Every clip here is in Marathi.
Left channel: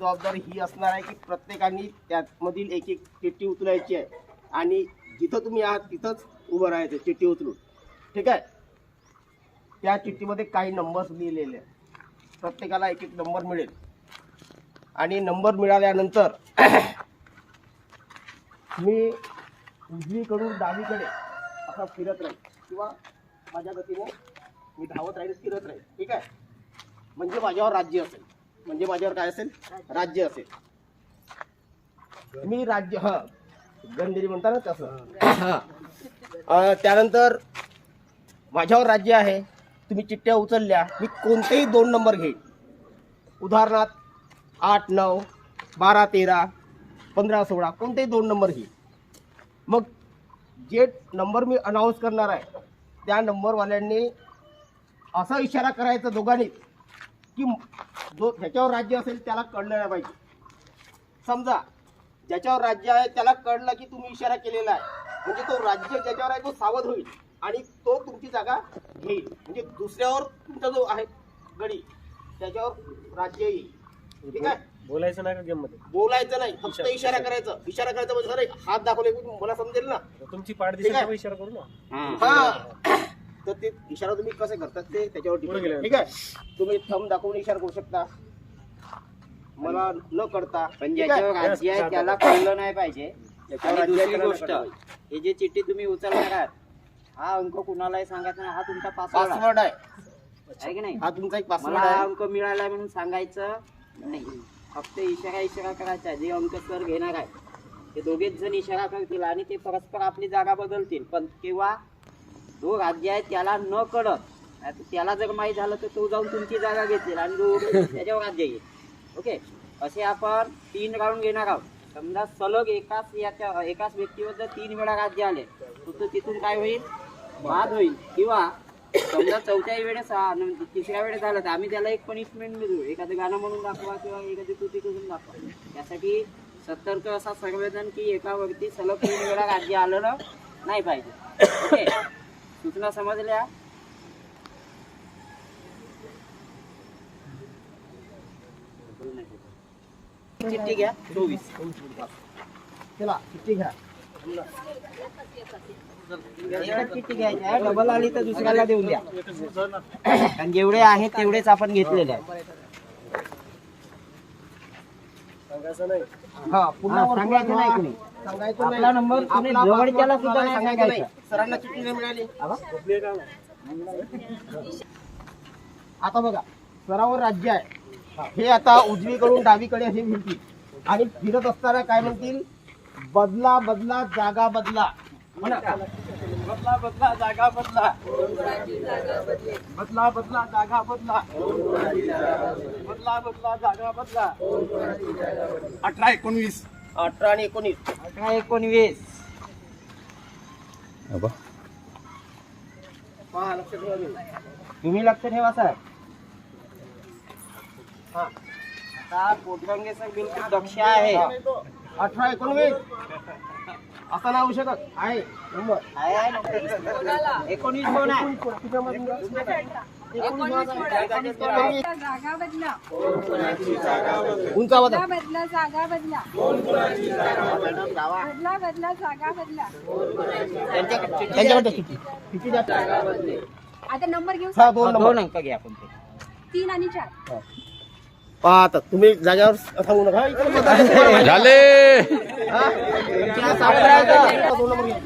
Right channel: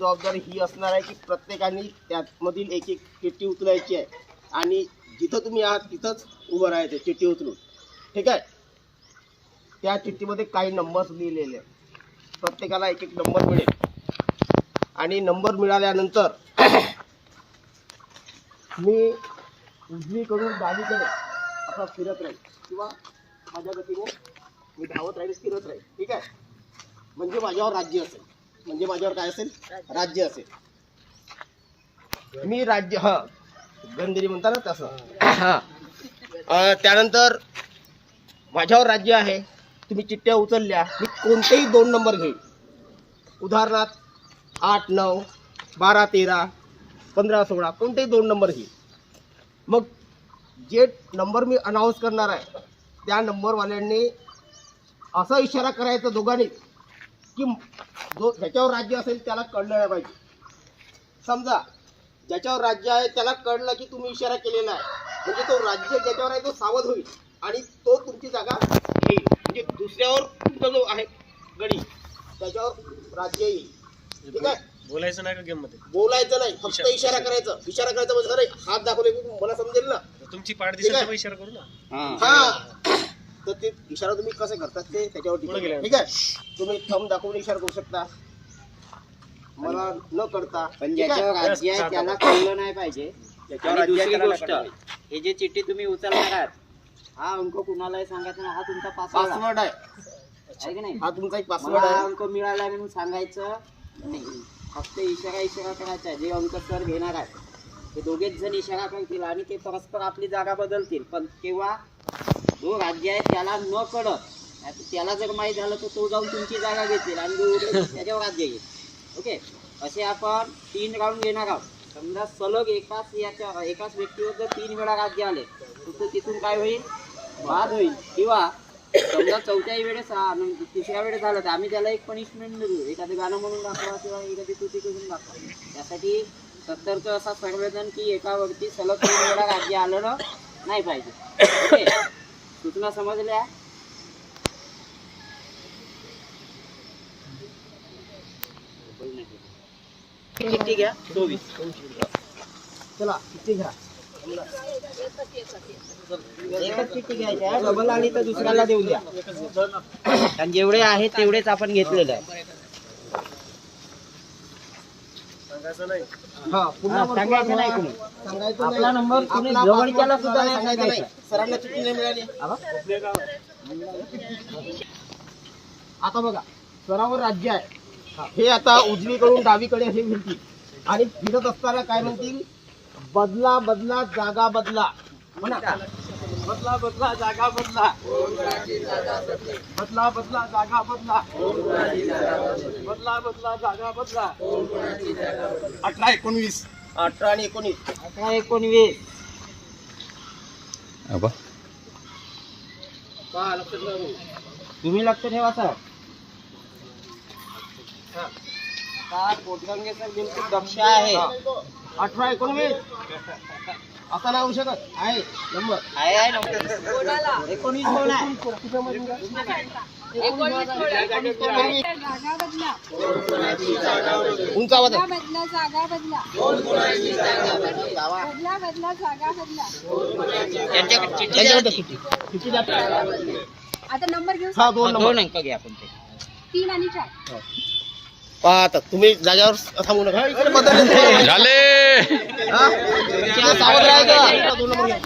जबाबदारी ही असणार आहे की प्रत्येकाने त्यामधील एक एक चिठ्ठी उचलायची आहे. आणि जिथं तुम्ही आहात तिथंच उभं राहायचं चिठ्ठी उचलून. ठीक आहे? त्या चिठ्ठीमध्ये काही नंबर्स लिहिलेले आहेत. प्रत्येकाला एक एक नंबर मिळेल. आणि नंबर मिळाल्यानंतर मी उजवीकडून डावीकडे असा फिरत राहील. किंवा माझ्या गतीने मी धावत राहील फिरत राहील. ठीक आहे? म्हणजे माझ्यावर राज्य असेल. म्हणजे माझ्यावर काय असेल? राज्य. असेल. मी राज्य हा. गंधेरी म्हणता ना तसं. हा. त्यानंतर माझ्यावर राज्य आहे. तुम्ही चिठ्ठ्या उचलल्या. मी कोणतेही दोन नंबर घेईन. उदाहरणार्थ आठ नऊ बारा तेरा पंधरा सोळा कोणतेही दोन नंबर घेईन. मग जे नंबर मी अनाऊन्स करणार आहे त्या नंबरवाल्यांनी असा इशारा करायचा दोघांनी की जो ज्याच्यावर राज्य असेल त्याला कळलं नाही पाहिजे. समजा ज्याच्यावर राज्य आहे त्याला कळलं की तुम्ही इशारा केलेला आहे. म्हणजे तो राज्य ज्याच्यावर आहे तो सावध होईल आणि तो तुमची जागा घेईल. म्हणजे दुसऱ्यावर तुमचा जो आहे गडी त्याच्यावर राज्य येईल. ठीक आहे? बोलायचं नाही का गेममध्ये बोलायचं नाही. फक्त इशारा- करायचा. इशारा करायचा म्हणजे अरे हात दाखवले की मला समजेल ना? तुमची पाठ दिसेल. तेव्हा इशारा करू ना. हा. तर ते इशारा तुम्ही कसे करतात ते त्याच्यावर. आहे. ठीक आहे? तुम्ही थंब दाखवून इशारा करू शकता. मला न करता. पण आहे? ज्याच्यावर राज्य आहे त्याला कळलं नाही पाहिजे. आणि आहे दुसरी गोष्ट. हे जे चिठ्ठी तुम्ही उचलणार आहात हा अंक कुणालाही सांगायचा नाही हा तुमचा पासवर्ड आहे. आहे. आहे की नाही? हा तुमचा एक पासवर्ड हा आहे. अंक मिळाला म्हणून सांगायचं नाही. फक्त इशारा इशारा करायचा. जे अंक सर घेणार आहेत ते दोघेच जण इशारा करतील आणि ते परस्पर आपली जागा बदलतील. पण तेव्हा जो राज्य आहे त्याला न कळत नाहीतर त्याला जर माहीत झालं तर तो जाऊन तुमची जागा घेतील आणि जो त्याच्यावर राज्य येईल ओके? असे आपण तीन राऊंड घेणार आहोत. समजा सलग एकाच याच्या एकाच व्यक्तीवर जर तीन वेळा राज्य आले तर तो तिथून काय होईल? वाद होईल. किंवा समजा चौथ्याही वेळेस तिसऱ्या वेळेस झालं तर आम्ही त्याला एक पनिशमेंट देऊ. एखादं गाणं म्हणून दाखवा किंवा एखादी कृती करून दाखवा. त्यासाठी सतर्क असा संवेदन की एकावरती सलग तीन वेळा राज्य आलं ना नाही पाहिजे. ओके? सूचना समजल्या? चिठ्ठी घ्या. चोवीस. चला चिठ्ठी घ्या. डबल आली तर दुसऱ्याला देऊन द्या. आणि जेवढे आहेत तेवढेच आपण घेतलेले आहे सांगायचं नाही हा पुन्हा हा, वर सांगायचं नाही कुणी. सांगायचं आपला नाही. नंबर कुणी आपला जवळच्याला सुद्धा नाही सांगायचं नाही. सांगायचं. सरांना चिठ्ठी नाही मिळाली. आता बघा सरावर राज्य आहे. हे आता उजवीकडून डावीकडे हे फिरतील आणि फिरत असताना काय म्हणतील? बदला बदला जागा बदला. बदला बदला जागा बदला. बदला बदला जागा बदला. बदला बदला जागा बदला. अठरा एकोणवीस. अठरा आणि एकोणीस. अठरा एकोणवीस. तुम्ही. लक्ष ठेवा सर. आता पोटगंगे सर बिलकुल दक्ष आहे. अठरा एकोणवीस. असा नाही होऊ शकत. आहे नंबर. एकोणीस जागा बदला. बदला? बदला? जागा बदला बदला. बदला जागा बदला? आता नंबर घेऊ दोन अंक घ्या आपण तीन आणि चार. पहा आता तुम्ही जागेवर थांबू नका. झाले? तुम्हाला सावध राहायचं. इकडे दोन नंबर घ्या.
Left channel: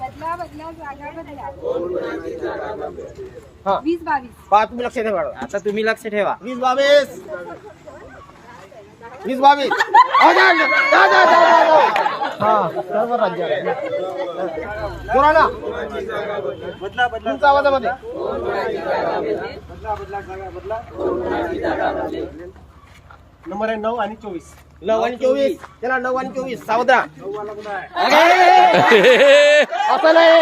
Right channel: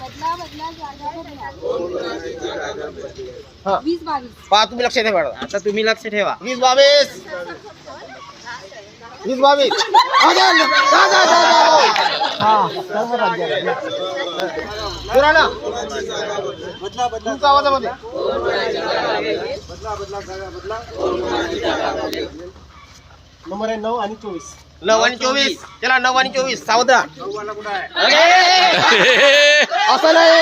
बदला बदला जागा बदला. वीस बावीस पहा तुम्ही लक्ष मॅडम आता तुम्ही लक्ष ठेवा वीस बावीस वीस बावीस हा, बदला बदला आवाजामध्ये बदला बदला जागा बदला नंबर आहे नऊ आणि चोवीस. नऊ आणि चोवीस. त्याला नऊ आणि चोवीस. सावध! असं नाही.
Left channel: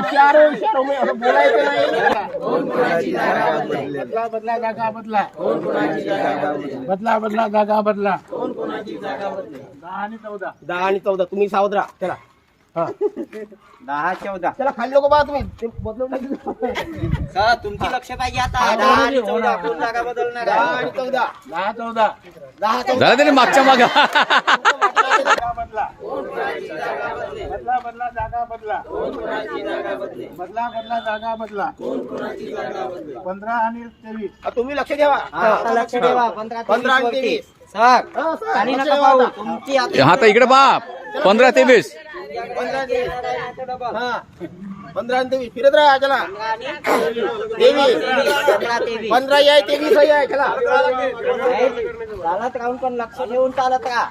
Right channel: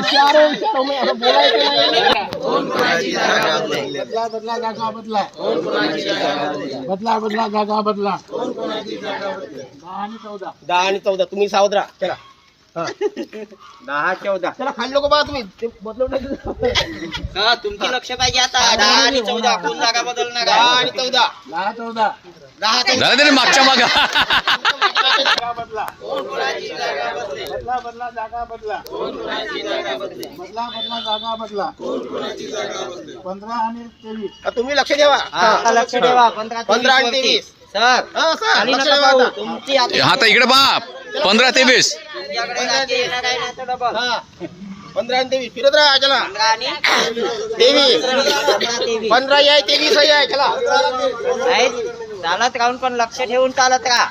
इशारो इशारो मी असं बोलायचं नाही. बदला? बदला जागा बदला? बदला? बदला जागा बदला? दहा आणि चौदा. दहा आणि चौदा. तुम्ही सावध राहा. चला. दहा चौदा. त्याला खाली नको बा तुम्ही? ते. हा तुमची लक्ष पाहिजे आता. दहा आणि चौदा कोण जागा बदलणार. दहा? आणि चौदा. दहा चौदा. दहा चौदा. झालं तरी मागच्या मागा. जागा बदला बदला बदला जागा बदला. बदला बदला जागा बदला. पंधरा आणि तेवीस. हा, तुम्ही लक्ष ठेवा. हा, लक्ष ठेवा. पंधरा पंधरा आणि. तेवीस. सर. हा, लक्ष. आता. तुमची आता आता इकडे बाप. पंधरा तेवीस. जागा. पंधरा आणि तेवीस. फिरत राहा चला. तेवीस. पंधरा आहे तेवीस आहे चला. चालत राहून पण लक्ष ठेवून चालत राहा.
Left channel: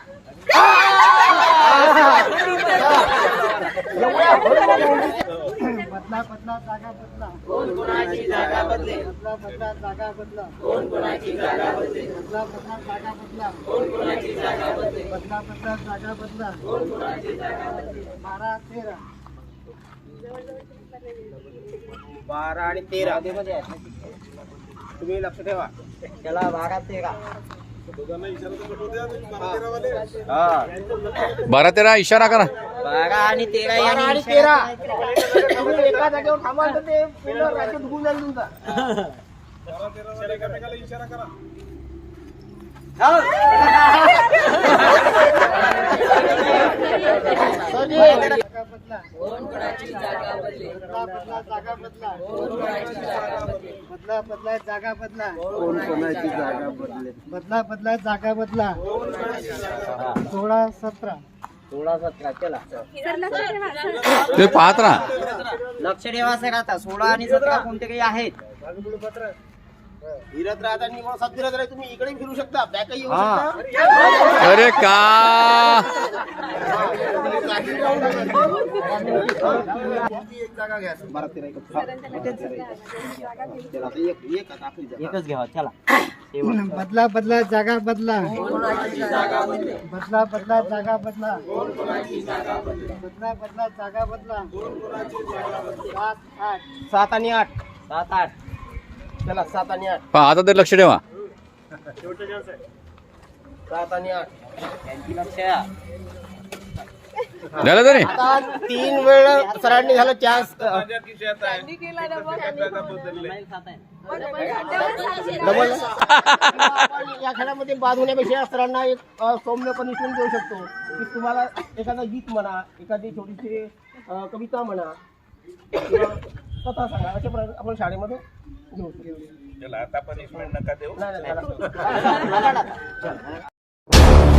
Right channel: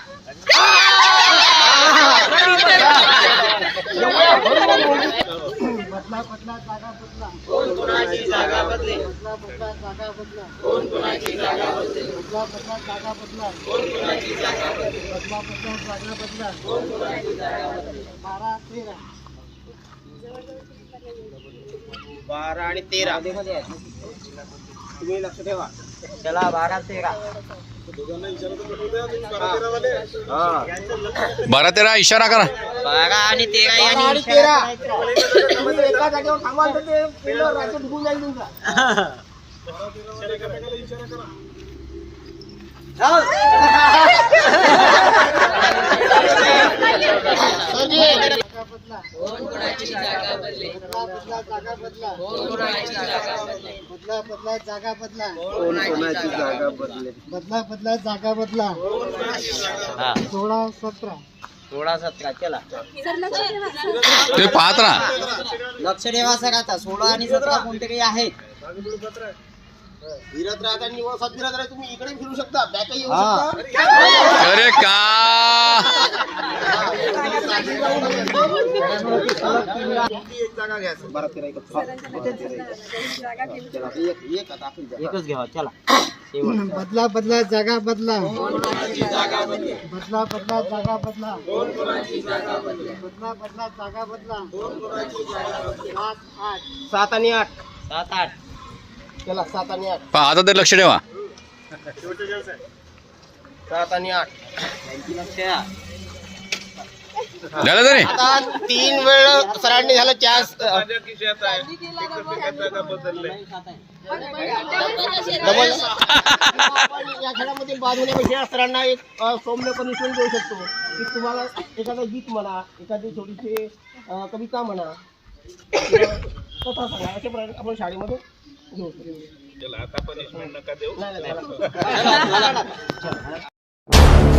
बदला बदला जागा बदला बदला बदला जागा बदला बदला बदला जागा बदला बदला बदला जागा बदला बारा तेरा. बारा आणि तेरा. तुम्ही लक्ष ठेवा. चला बारा तेरा. हा. बारा तेरा इशारा करा. बारा आणि तेरा आणि तेरा. एका जागेवर थांबाल तर ते राज्य डुबून जाईल तुमचा. बदला बदला जागा बदला बदला बदला जागा बदला बदला बदला जागा बदला सोळा सतरा सोळा सतरा चला ते लक्ष पाहत राहा. लक्ष ठेवा सर आता. सोळा आणि सतरा कोणते काही आहेत? फिरत राहता निवासात फिरत राहा तुम्ही इकडे फिरू शकता. बॅक येऊ हा. शकता. अरे का? बारा तेरा एक जागा घेऊ चला, एक एक आता जागा. एकच घ्यावा चला. शेवट. बदला बदला जागा बदला. बदला बदला जागा बदला. बदला बदला जागा बदला. सात आठ. सात आणि आठ. सात आठ. सात आणि आठ. पहा आता तरी लक्ष ठेवा. सात आणि आठ. झालं तरी? आता तीन वेळ सरांनी झालं चान्स. डबल. या खेळामध्ये बाद होण्यापेक्षा सरांना एक अ, सौम्य पनिशमेंट देऊ शकतो. की तुम्हाला एखादा गीत म्हणा एखादी छोटीशी अ, कविता म्हणा किंवा कथा सांगा अशा प्रकारे आपण शाळेमध्ये घेऊ आता पनिशमेंट नका देऊ.